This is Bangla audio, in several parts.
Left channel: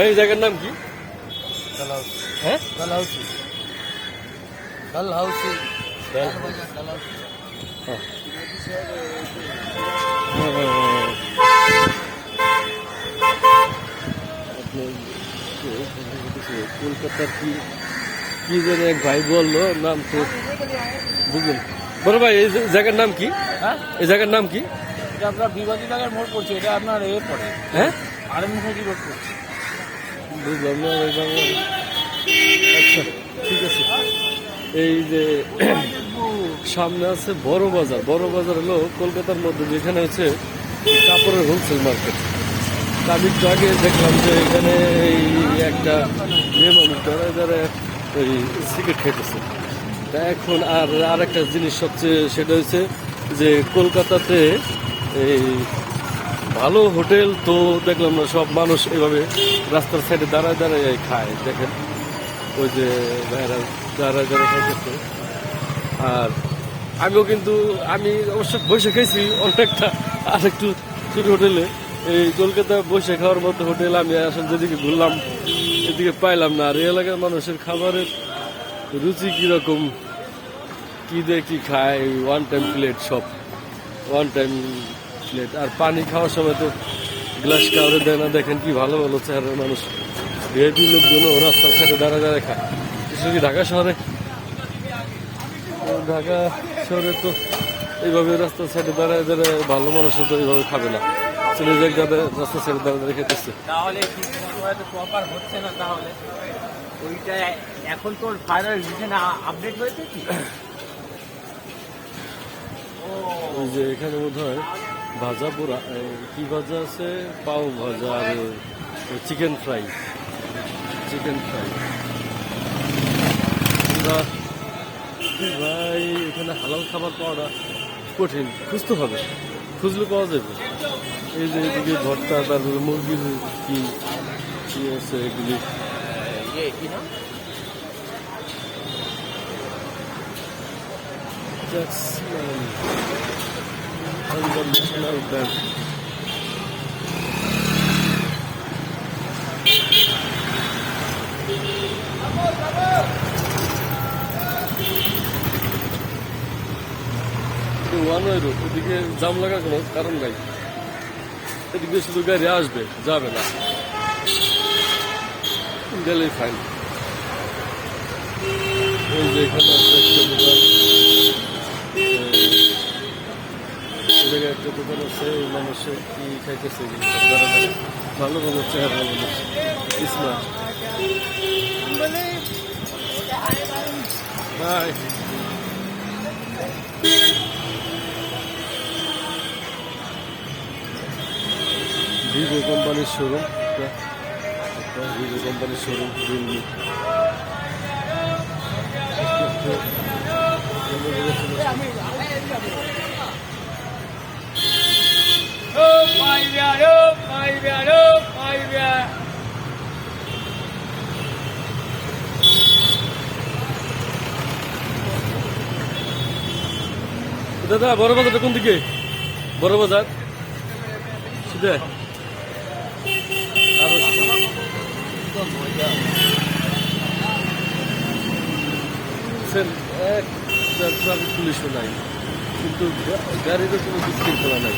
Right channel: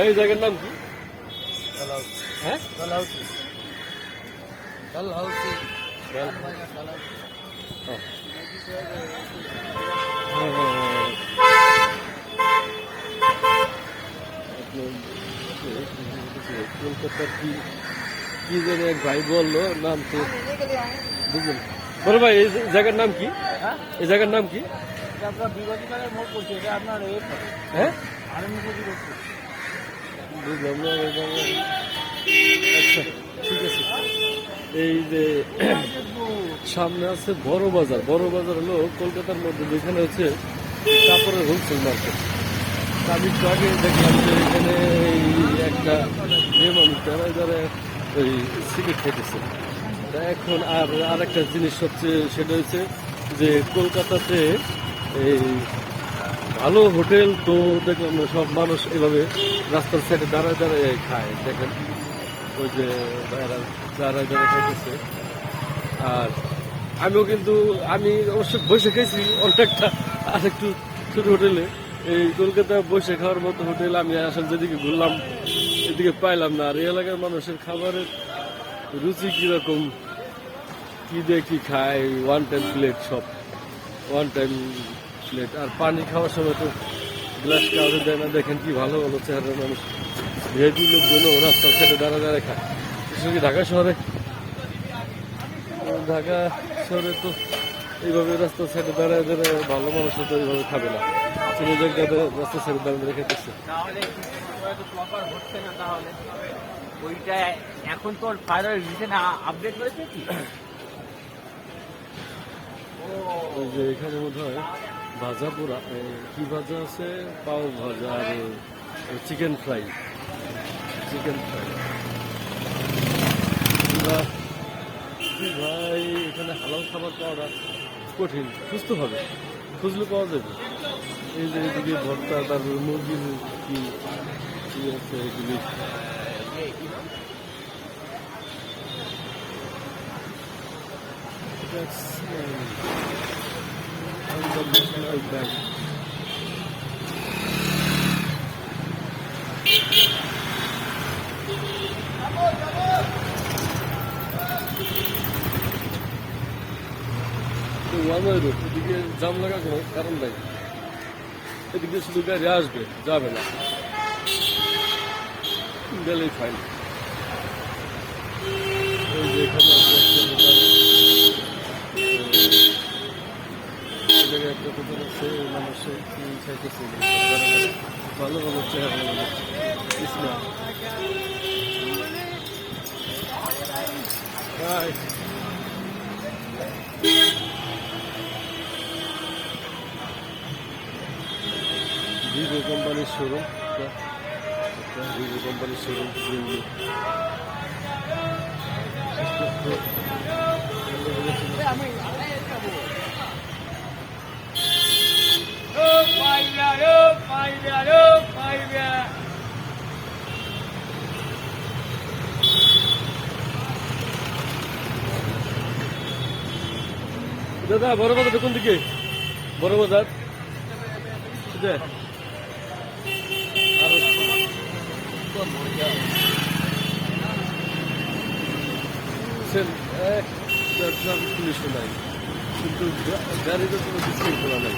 ভাই এই জায়গার নাম কি? হ্যাঁ, কলকাতার কি কি যেন এক ভাই বললো, নাম তো বুঝলেন। বড় ভাই এই জায়গার নাম কি? হ্যাঁ, এই জায়গার নাম কি? এটা আপনার বিবাদী নগর মোড় পড়ছে, এটা আপনার পড়ে হ্যাঁ, আনন্দমুখী রোড পড়ছে। বুঝলাম না। আচ্ছা, ঠিক আছে। এই যে সামনে আছে বড় বাজার। বড় বাজার হলো কলকাতার মধ্যে, যেখানে হচ্ছে কাপড়ের হোলসেল মার্কেট। আমি একটু আগে দেখলাম যে এখানে এই একটা মেয়ে মানুষ যারা ওই সিগারেট খেতেছে। তা এখন আর একটা জিনিস সবচেয়ে সেটা হচ্ছে যে কলকাতাতে এই ভালো হোটেল তো দেখলাম না, সব মানুষ এভাবে রাস্তার সাইডে দাঁড়ায় দাঁড়ায় খায়। দেখেন ওই যে ভাইরা দাঁড়ায় দাঁড়ায় খাইতেছে। আর আগেও কিন্তু আমি অবশ্য বসে খেয়েছি অনেকটা, আর একটু ছোট হোটেলে। এই কলকাতা বসে খাওয়ার মতো হোটেল আমি আসলে যেদিকে ঘুরলাম এদিকে পাইলাম না। আর এই এলাকার মানুষের খাবারের রুচি কীরকম, কী দিয়ে কী খায়, ওয়ান টাইম প্লেট, সব ওয়ান টাইম প্লেট। আর পানি খাওয়ার সময় তো গ্লাস কাউরে দেয় না। দেখেন কি ভালো ভালো চেহারার মানুষ, ভিআইপি লোকজনও রাস্তার সাইডে দাঁড়ায় দাঁড়ায় খায়। বিশেষ কি ঢাকা শহরে তো এইভাবে রাস্তার সাইডে দাঁড়ায় দাঁড়ায় ভালো মানুষও তো এইভাবে খাবে না। ছেলে জায়গাতে রাস্তার সাইডে দাঁড়ায় দাঁড়িয়ে খেতেছে। তাহলে তো প্রপার হচ্ছে না, তাহলে ওইটা এখন তো ফাইনাল রিজনে আপডেট হয়েছে কি? ওই যে এখানে বোধ হয় ভাজা পোড়া, কি ভাজা আছে, পাও ভাজা আর চিকেন ফ্রাই। ভাই এখানে হালাল খাবার পাওয়াটা কঠিন, খুঁজতে হবে, খুঁজলে পাওয়া যাবে। এই যে এদিকে ভর্তা, তারপরে মুরগির কি আছে এগুলি। That's unconditional ban. One way road, এদিকে জাম লাগার কোনো কারণ নাই। এদিকে শুধু গাড়ি আসবে, যাবে না, গেলেই ফাইন। ওই যে এখানে একটা দোকান, একটা দোকান আছে, মানুষের কি খাইতেছে ভালো ভালো চেহারা মানুষ। স্মার্ট ভিভো কোম্পানির শোরুম, ভিভো কোম্পানির শোরুম রিয়েলমি। দাদা বড় বাজারটা কোন দিকে? বড় বাজার সেটা ট্রাফিক পুলিশও নাই, কিন্তু গাড়িরও কোনো বিশৃঙ্খলা নাই।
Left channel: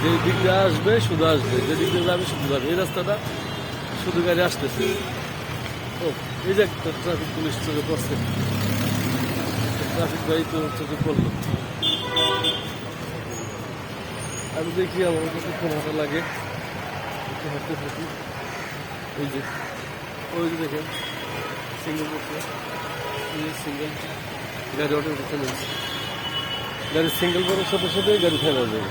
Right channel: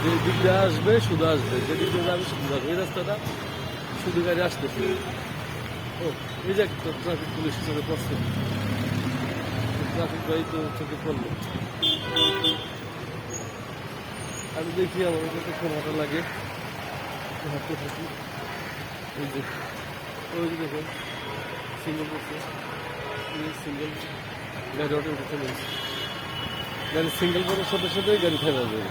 যে দিক দিয়ে আসবে শুধু আসবে, যে দিক দিয়ে যাবে শুধু যাবে। এই রাস্তাটা শুধু গাড়ি আসতেছে। ও এই যে একটা ট্রাফিক পুলিশ চোখে পড়ছে, ট্রাফিক গাড়ি তো চোখে পড়লো। আমি দেখি আমার কতক্ষণ হাঁটা লাগে, একটু হাঁটতে থাকি। এই যে ওই যে দেখেন সিঙ্গেল করছে, সিঙ্গেল গাড়ি অটো উঠে নিয়েছে। গাড়ি সিঙ্গেল করার সাথে সাথে গাড়ি ফেলা যাবে,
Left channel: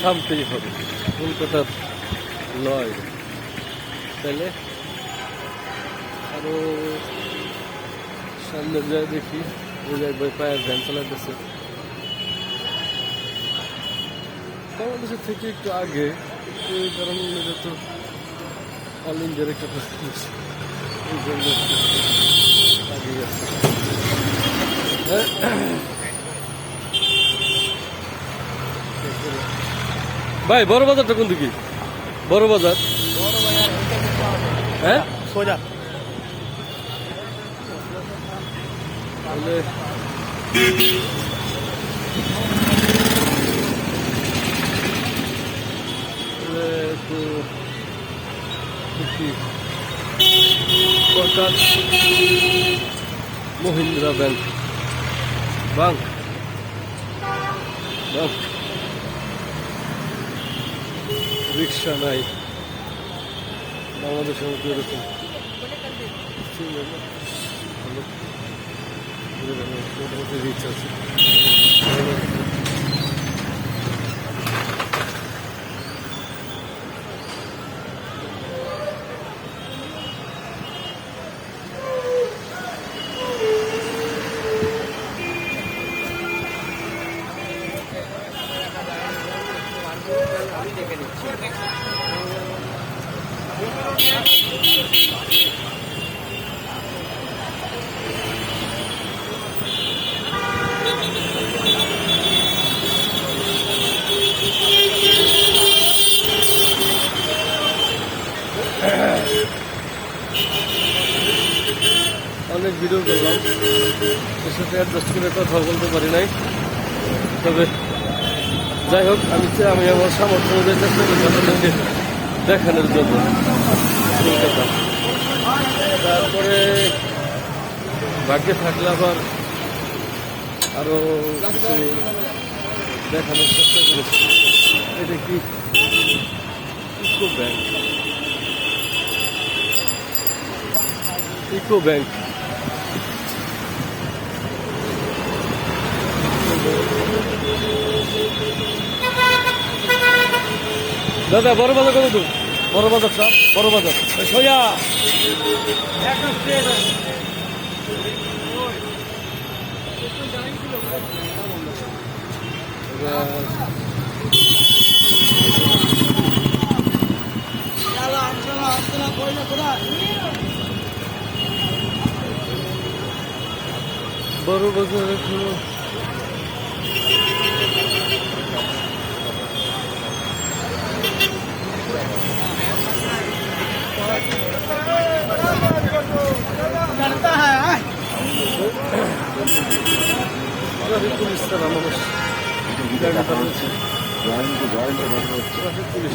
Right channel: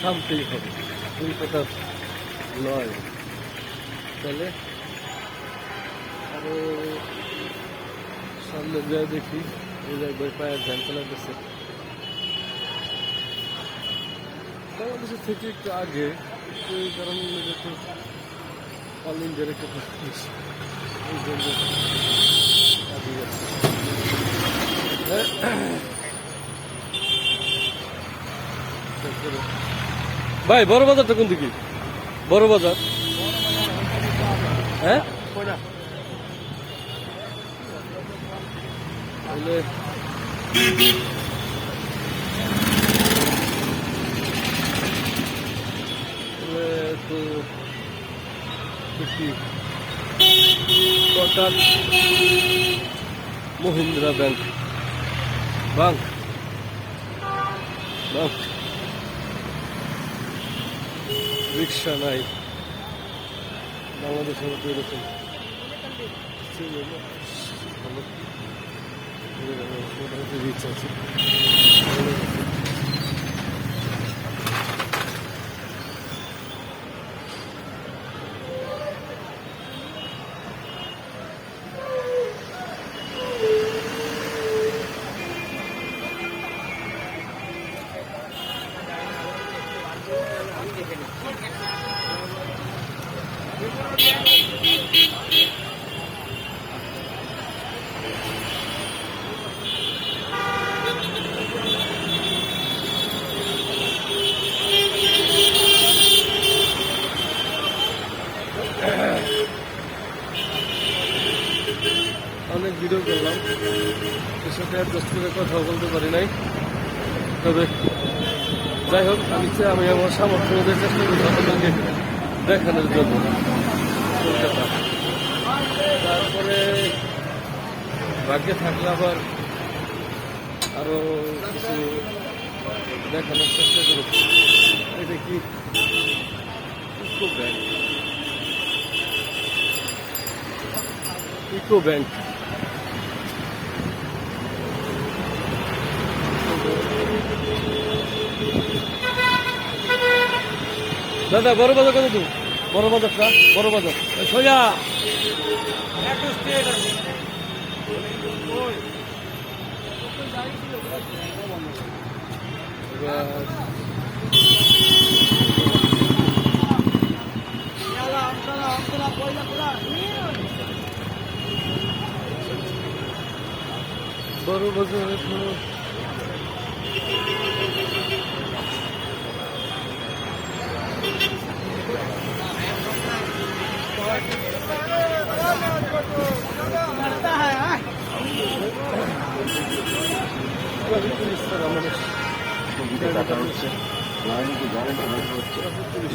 থামতেই হবে। কলকাতার নয়, তাহলে আরো সামনে যায় দেখি। এই জায়গায় পায়ের ভ্যান চালাতেছে বাংলাদেশের থেকে একটু আগে, কারণ এটা তো অল ইন্ডিয়ার একটা এই জন্য আগে গেছে। ভাই বড় বাজারটা কোন দিকে? বড় বাজার হ্যাঁ সোজা তাহলে একটু Kotak Mahindra bank bank bank রিক্সা নাই বাংলাদেশের মধ্যে এরকম ভালো মোটামুটি রিক্স আছে অনেক ভিডিও করলাম এর সাথে অ্যাডজাস্ট করে কথা বলতে পারি নাই তবে যাই হোক আমি আমার সামর্থ্য অনুযায়ী চেষ্টা করছি আপনাদেরকে দেখানোর জন্য কলকাতা তারপরে ভাগ্যে থাকলে আবার আরো কিছু দেখানোর চেষ্টা করেছি এটা কি ইকো ব্যাংক ইকো ব্যাংক দাদা বড় বাজার কত তো বড় বাজারটা বড় বাজার সোজা একদম স্ট্রেট বড় বাজার এখনো ট্রাফিক পুলিশ তারা মানুষ গাড়ি চালাচ্ছে ট্রাফিক পুলিশ